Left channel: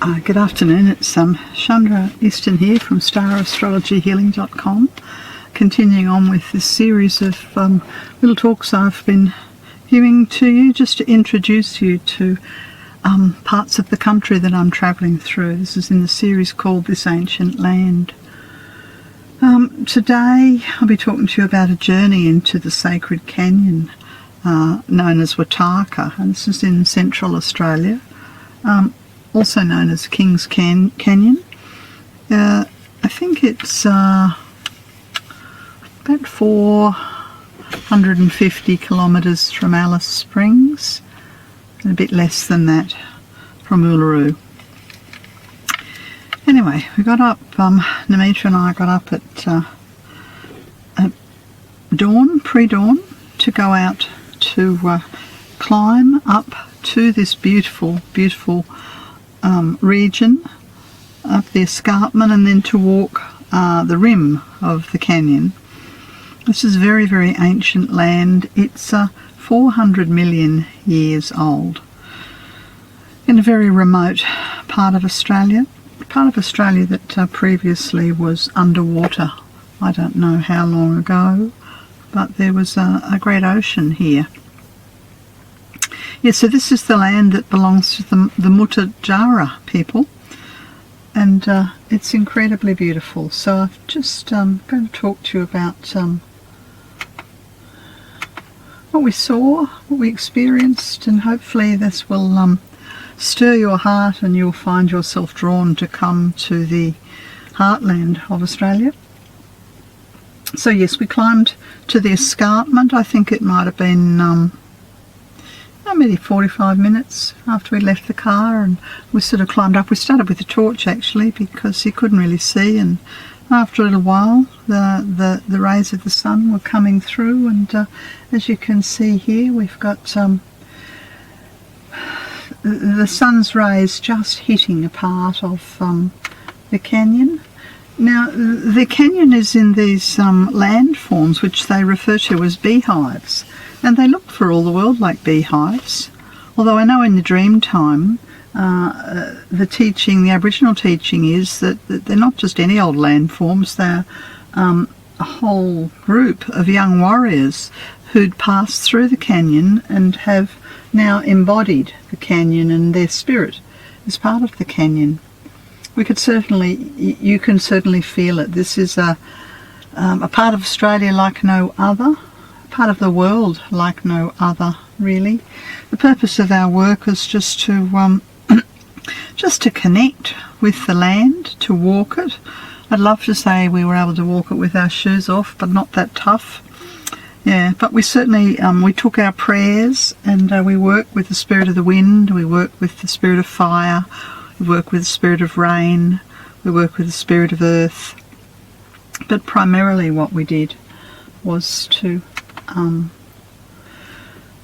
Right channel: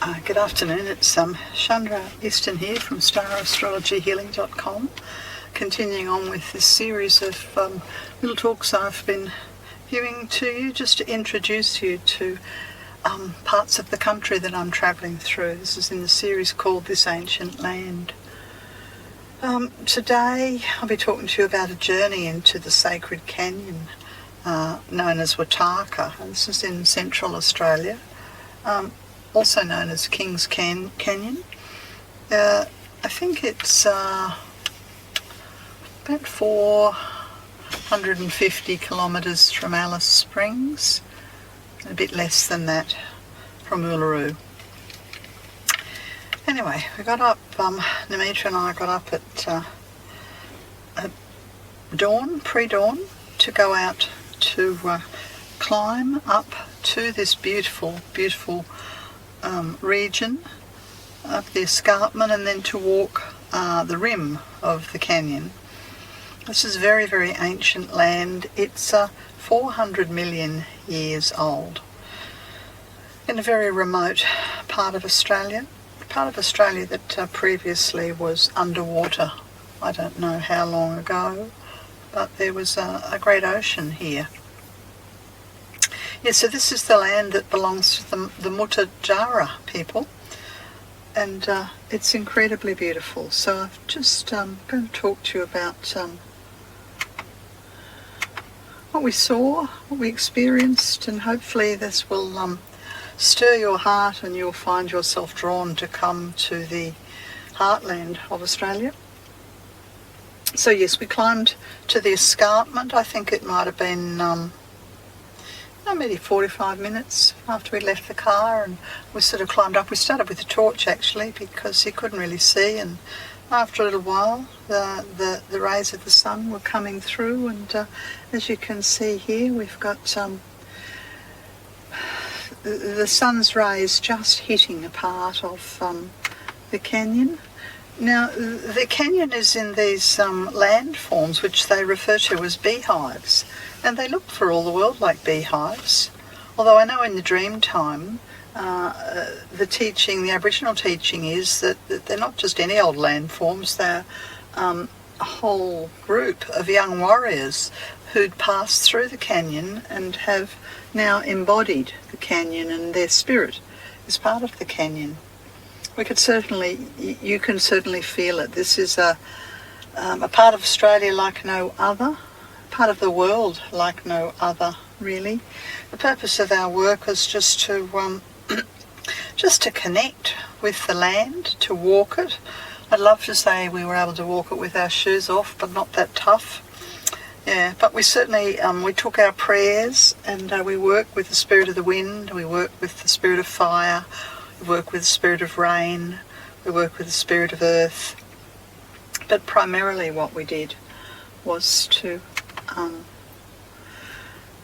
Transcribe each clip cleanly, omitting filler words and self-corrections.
Good afternoon, it's Chandra Easton here from StarAstrologyHealing.com, continuing on with this series of little talks I've been giving to you just to introduce you to parts of the country that I'm travelling through. This is in the series called This Ancient Land. Today I'll be talking to you about a journey into the sacred canyon known as Watarrka, and this is in central Australia. Also known as King's Canyon. I think it's about 450 kilometres from Alice Springs, and a bit less than that from Uluru. Anyway, we got up, Namita and I got up at dawn, pre-dawn, to go out to climb up to this beautiful region up the escarpment, and then to walk the rim of the canyon. This is very, very ancient land. It's 400 million years old, in a very remote part of Australia that previously was underwater. I don't know how long ago, but there was a great ocean here. Yeah, so this is the land that belongs to the Watarrka people, and it's incredibly beautiful. So I've just going to talk to you about what we saw, what we experienced, and hopefully this will stir your heart and you'll find yourself drawn to come to the heartland of Australia. So yes, we climbed to the escarpment. I think it might have been maybe 45 minutes after we left the car, and we sort of climbed up. We started with a torch actually because you couldn't really see, and after a little while the rays of the sun were coming through, and as you can see here, we've got the sun's rays just hitting a part of the canyon. Now the canyon is in these landforms which they refer to as beehives, and they look for all the world like beehives. Although I know in the dream time, the Aboriginal teaching is that they're not just any old landforms, they're a whole group of young warriors who'd passed through the canyon and have now embodied the canyon, and their spirit is part of the canyon. You can certainly feel it. This is a part of Australia like no other, part of the world like no other, really. The purpose of our work is just to connect with the land, to walk it. I'd love to say we were able to walk it with our shoes off, but not that tough. Yeah, but we certainly we took our prayers, and we work with the spirit of the wind, we work with the spirit of fire, we work with the spirit of rain, we work with the spirit of earth. But primarily what we did was to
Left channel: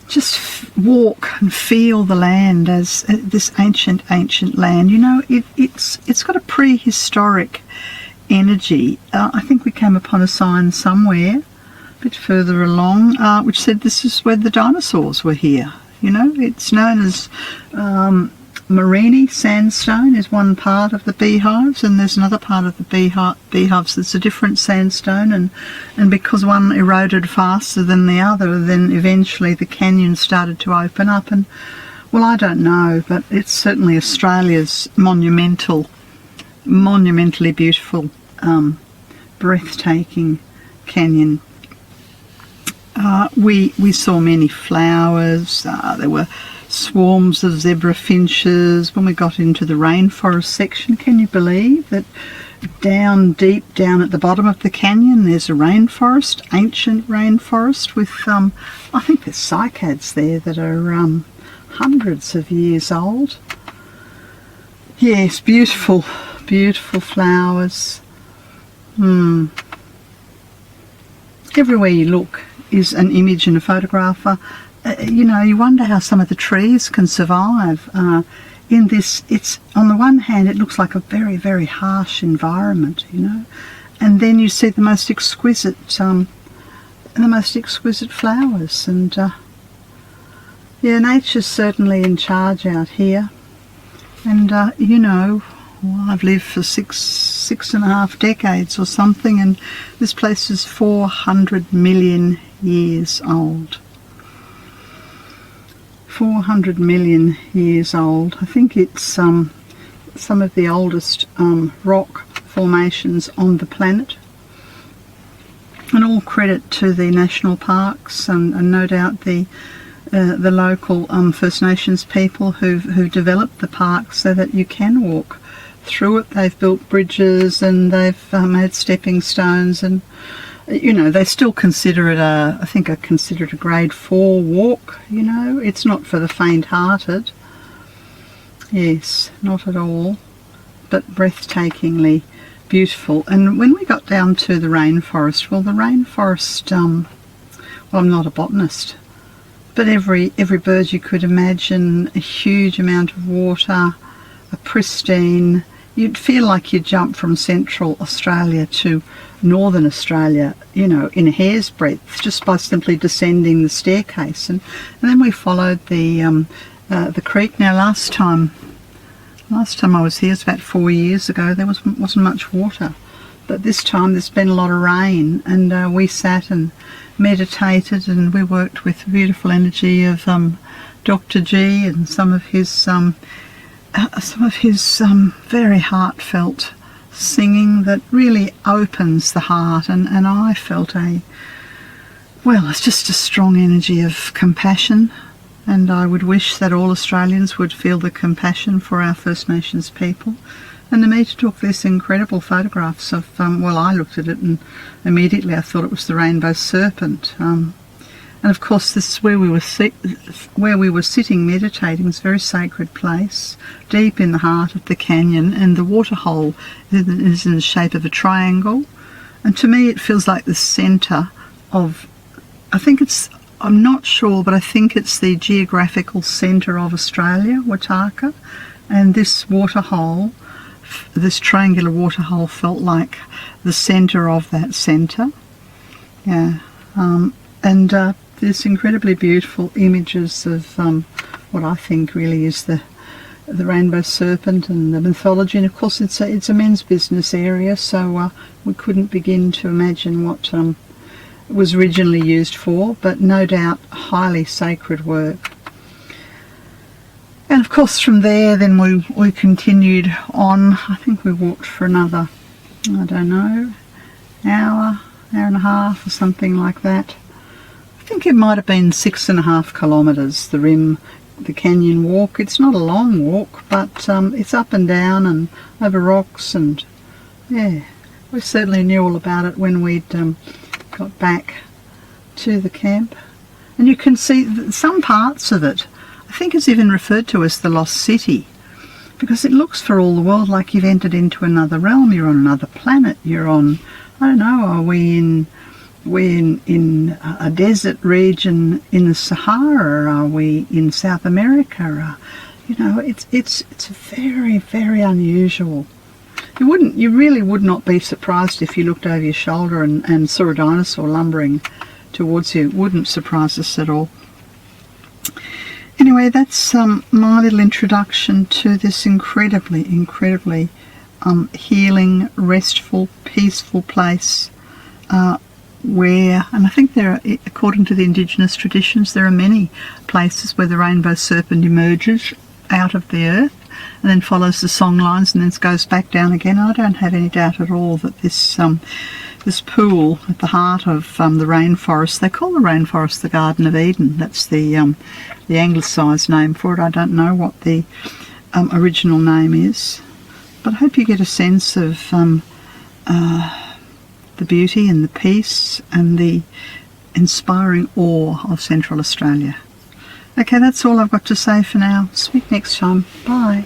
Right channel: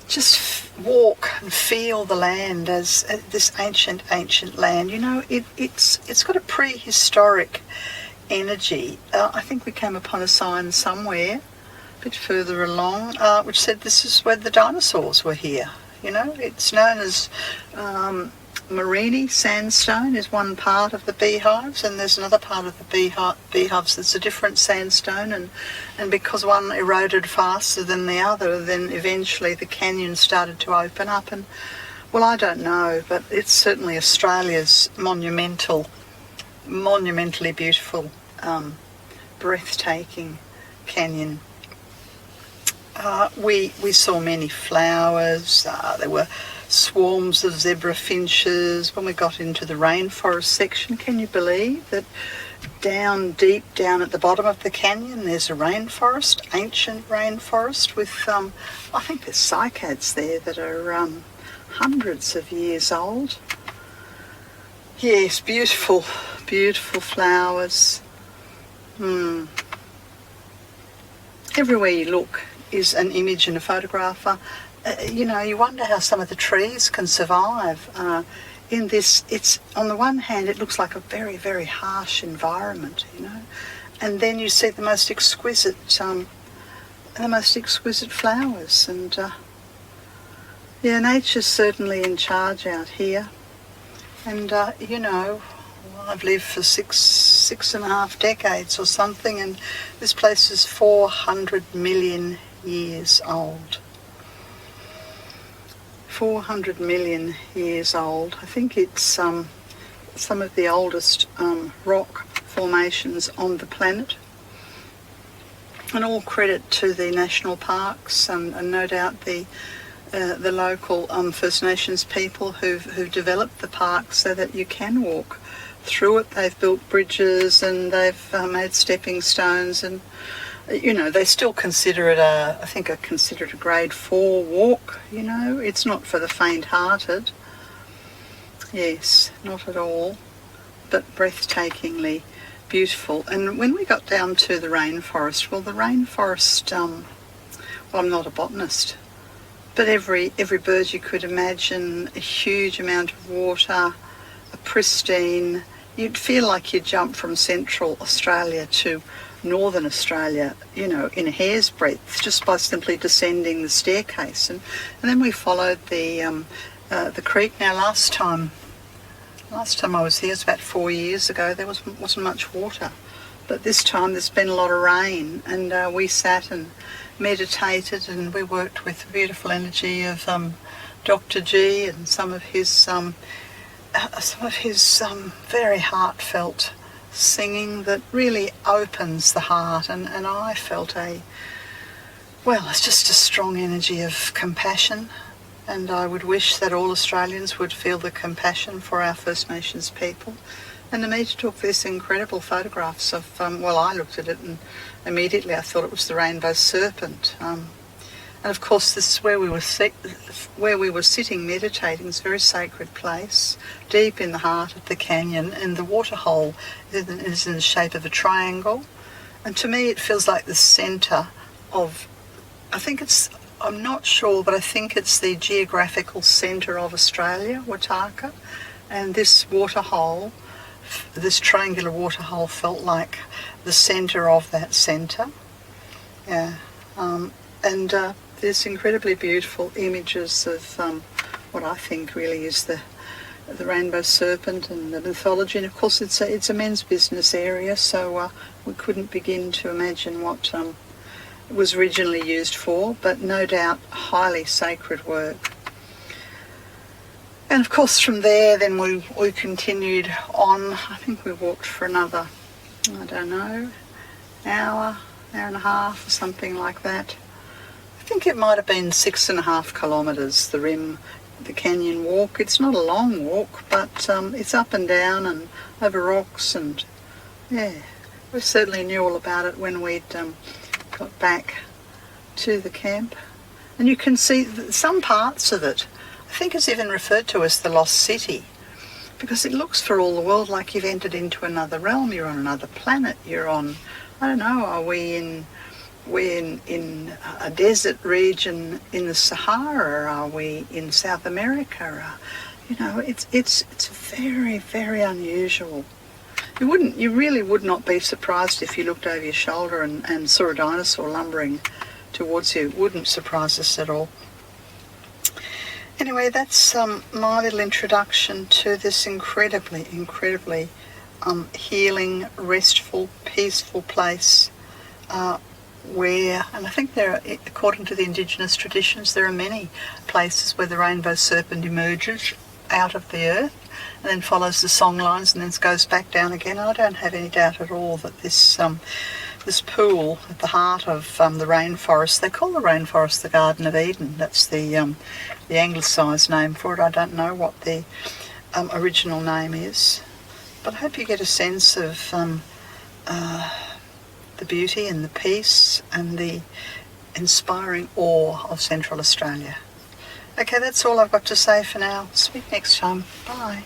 just walk and feel the land as this ancient land. You know, it's got a prehistoric energy. I think we came upon a sign somewhere a bit further along which said this is where the dinosaurs were here. You know, it's known as Morini sandstone is one part of the beehives, and there's another part of the beehives that's a different sandstone, and because one eroded faster than the other, then eventually the canyon started to open up. And well, I don't know, but it's certainly Australia's monumentally beautiful, breathtaking canyon. We saw many flowers. There were swarms of zebra finches. When we got into the rainforest section, can you believe that deep down at the bottom of the canyon there's a rainforest, ancient rainforest with I think there's cycads there that are hundreds of years old. Yes, beautiful flowers. Everywhere you look is an image and a photograph. You know, you wonder how some of the trees can survive in this. It's, on the one hand, it looks like a very, very harsh environment, you know, and then you see the most exquisite flowers, and yeah, nature's certainly in charge out here. And you know, well, I've lived for six and a half decades or something, and this place is 400 million years old. 400 million years old. I think it's some of the oldest rock formations on the planet. And all credit to the national parks and no doubt the local First Nations people who've developed the park so that you can walk through it. They've built bridges and they've made stepping stones, and you know, they still consider it I think consider it a grade 4 walk. You know, it's not for the faint-hearted. Yes, not at all, but breathtakingly beautiful. And when we got down to the rainforest, well, the rainforest, well, I'm not a botanist, but every bird you could imagine, a huge amount of water, a pristine, you'd feel like you jumped from Central Australia to Northern Australia, you know, in a hair's breadth, just by simply descending the staircase. And then we followed the creek. Now, last time I was here, it's about 4 years ago, there wasn't much water. But this time there's been a lot of rain, and we sat and meditated, and we worked with the beautiful energy of Dr. G and some of his very heartfelt singing that really opens the heart. And I felt it's just a strong energy of compassion. And I would wish that all Australians would feel the compassion for our First Nations people. And the meter took these incredible photographs of, I looked at it and immediately I thought it was the rainbow serpent. And of course this is where we were sitting meditating. It's a very sacred place, deep in the heart of the canyon, and the waterhole is in the shape of a triangle. And to me it feels like the centre of, I'm not sure, but I think it's the geographical centre of Australia, Watarrka, and this waterhole, this triangular waterhole, felt like the centre of that centre. Yeah, and there's incredibly beautiful images of what I think really is the rainbow serpent and the mythology. And of course it's a men's business area, so we couldn't begin to imagine what it was originally used for, but no doubt highly sacred work. And of course from there then we continued on. I think we walked for another, I don't know, hour and a half or something like that. I think it might have been 6.5 kilometres, the canyon walk. It's not a long walk, but it's up and down and over rocks, and yeah, we certainly knew all about it when we'd got back to the camp. And you can see some parts of it. I think it's even referred to as the Lost City, because it looks for all the world like you've entered into another realm. You're on another planet. You're on, I don't know, are we in a desert region in the Sahara? Are we in South America? You know, it's very, very unusual. You really would not be surprised if you looked over your shoulder and saw a dinosaur lumbering towards you. It wouldn't surprise us at all. Anyway, that's my little introduction to this incredibly healing, restful, peaceful place where, and I think there are, according to the Indigenous traditions, there are many places where the rainbow serpent emerges out of the earth and then follows the song lines and then goes back down again. I don't have any doubt at all that this pool at the heart of the rainforest, they call the rainforest the Garden of Eden. That's the anglicised name for it. I don't know what the original name is, but I hope you get a sense of the beauty and the peace and the inspiring awe of Central Australia. Okay, that's all I've got to say for now. Speak next time. Bye.